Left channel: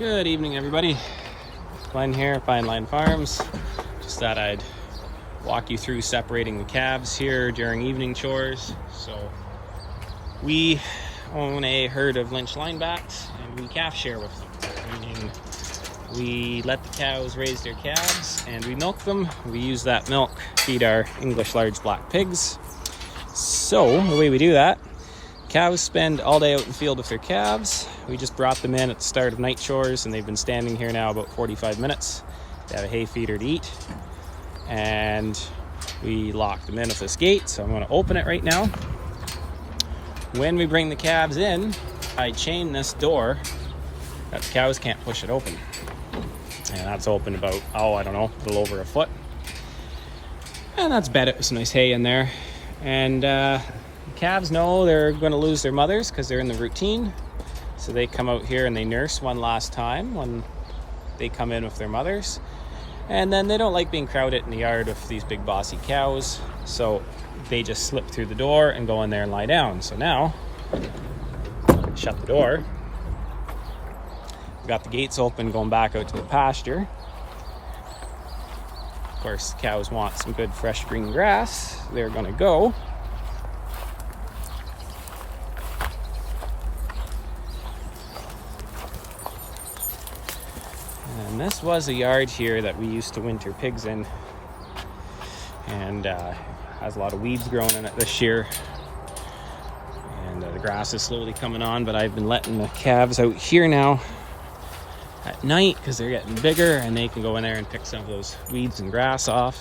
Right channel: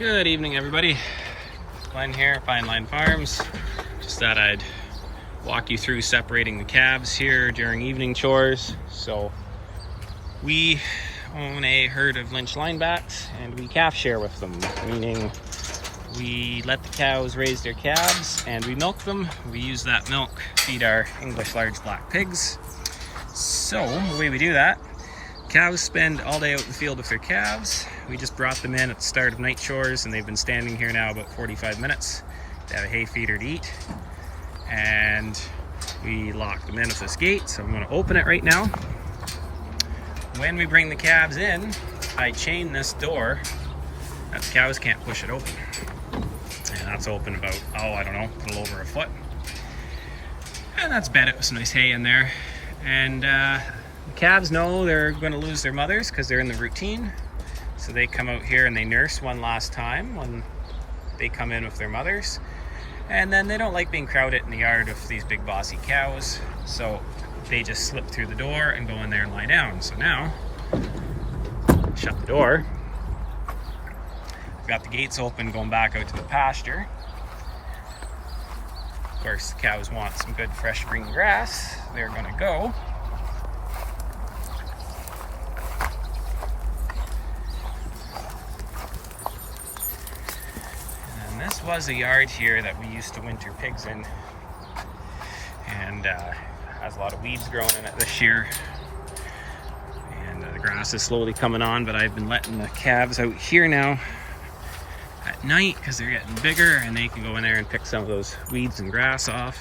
Good evening, everybody. Glenn here, Fine Line Farms. Just thought I'd walk you through separating the calves here during evening chores. So we own a herd of Lynch linebacks and we calf share with them, meaning we let the cows raise their calves and we milk them. We use that milk to feed our English large black pigs. So the way we do that, cows spend all day out in the field with their calves. We just brought them in at the start of night chores and they've been standing here now about 45 minutes. They have a hay feeder to eat and we lock them in with this gate. So I'm going to open it right now. When we bring the calves in, I chain this door that the cows can't push it open. And that's open about, I don't know, a little over a foot. And that's bedded with some nice hay in there. And the calves know they're going to lose their mothers because they're in the routine. So they come out here and they nurse one last time when they come in with their mothers. And then they don't like being crowded in the yard with these big bossy cows. So they just slip through the door and go in there and lie down. So now, shut the door. We've got the gates open going back out to the pasture. Of course, the cows want some good fresh green grass. They're gonna go. And this was a yard here that we used to winter pigs in. And has a lot of weeds growing in it this year. And the grass is slowly coming on, but I've been letting the calves out here now at night because they're getting bigger and they can go in there and pick some of those weeds and grass off.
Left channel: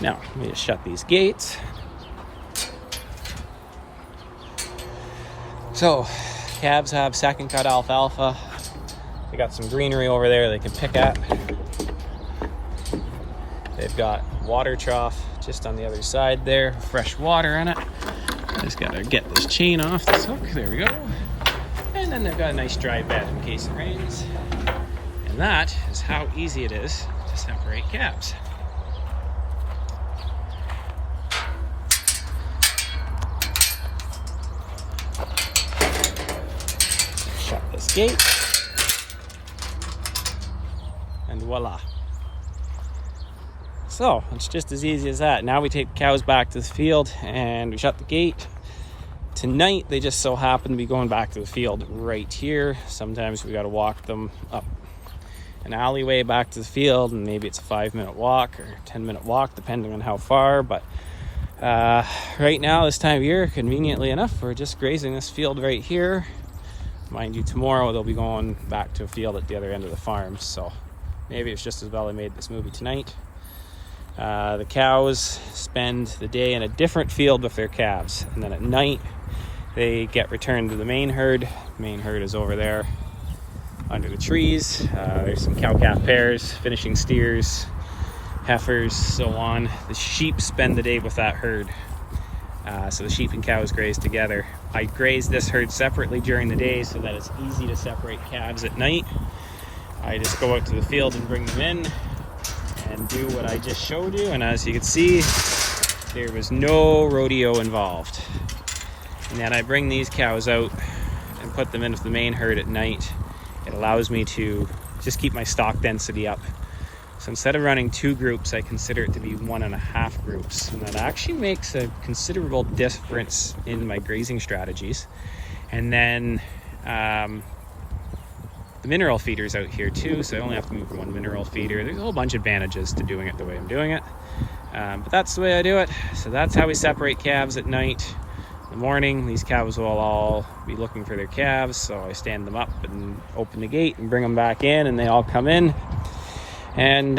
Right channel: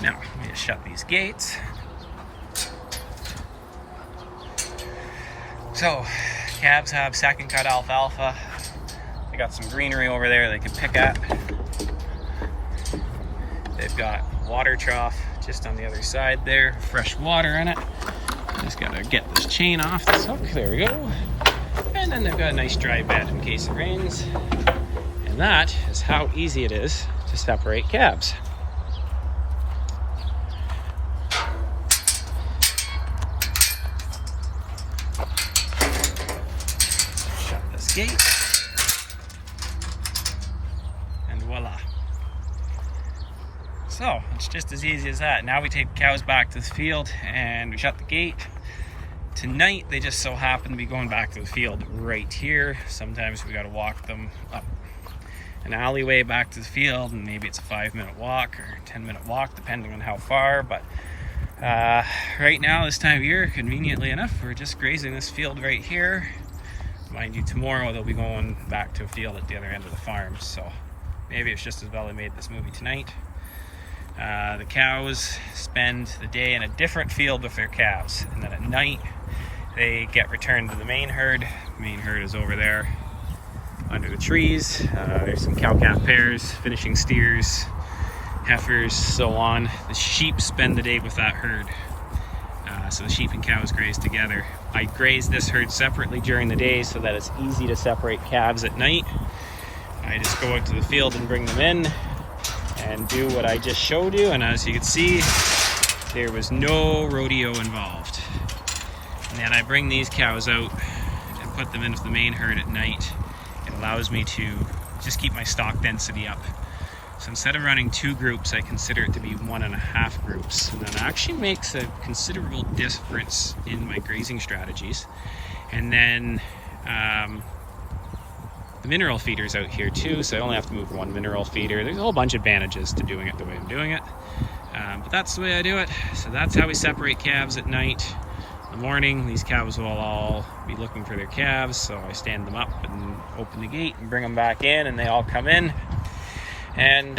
Now, let me just shut these gates. So, calves have second cut alfalfa. They got some greenery over there they can pick at. They've got water trough just on the other side there, fresh water in it. Just gotta get this chain off this hook, there we go. And then they've got a nice dry bed in case it rains. And that is how easy it is to separate calves. Gate, and voila. So it's just as easy as that. Now we take the cows back to the field and we shut the gate. Tonight they just so happen to be going back to the field right here. Sometimes we got to walk them up an alleyway back to the field, and maybe it's a 5-minute walk or 10-minute walk depending on how far. But right now, this time of year, conveniently enough, we're just grazing this field right here. Mind you, tomorrow they'll be going back to a field at the other end of the farm, so maybe it's just as well I made this movie tonight. The cows spend the day in a different field with their calves, and then at night they get returned to the main herd. The main herd is over there under the trees. There's some cow-calf pairs, finishing steers, heifers, so on. The sheep spend the day with that herd. So the sheep and cows graze together. I graze this herd separately during the day so that it's easy to separate calves at night. I just go out to the field and bring them in and do what I just showed you. And as you can see, there was no rodeo involved. And then I bring these cows out and put them into the main herd at night. It allows me to just keep my stock density up. So instead of running 2 groups, I consider it to be 1.5 groups. And that actually makes a considerable difference in my grazing strategies. And then the mineral feeder's out here too, so I only have to move 1 mineral feeder. There's a whole bunch of advantages to doing it the way I'm doing it. But that's the way I do it. So that's how we separate calves at night. In the morning, these cows will all be looking for their calves, so I stand them up and open the gate and bring them back in, and they all come in. And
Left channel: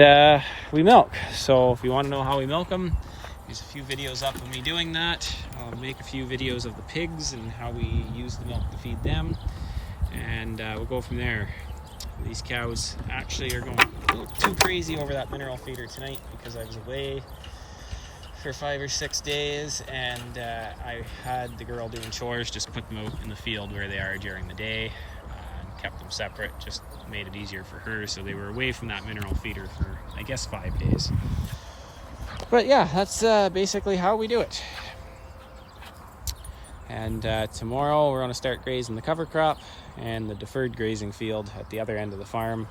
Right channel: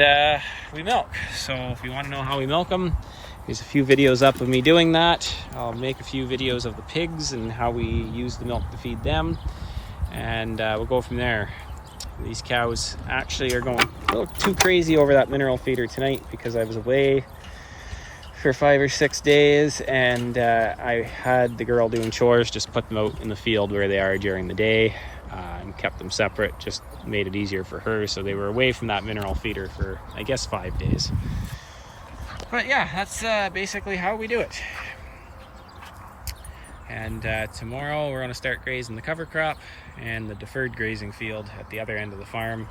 we milk. So if you want to know how we milk them, there's a few videos up of me doing that. I'll make a few videos of the pigs and how we use the milk to feed them, and we'll go from there. These cows actually are going a little too crazy over that mineral feeder tonight because I was away for 5 or 6 days, and I had the girl doing chores, just put them out in the field where they are during the day, and kept them separate, just made it easier for her. So they were away from that mineral feeder for, I guess, 5 days. But yeah, that's basically how we do it. And tomorrow we're going to start grazing the cover crop and the deferred grazing field at the other end of the farm.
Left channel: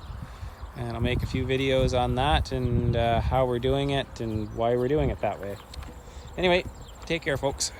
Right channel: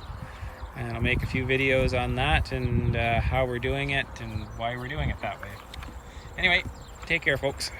And I'll make a few videos on that and how we're doing it and why we're doing it that way. Anyway, take care, folks.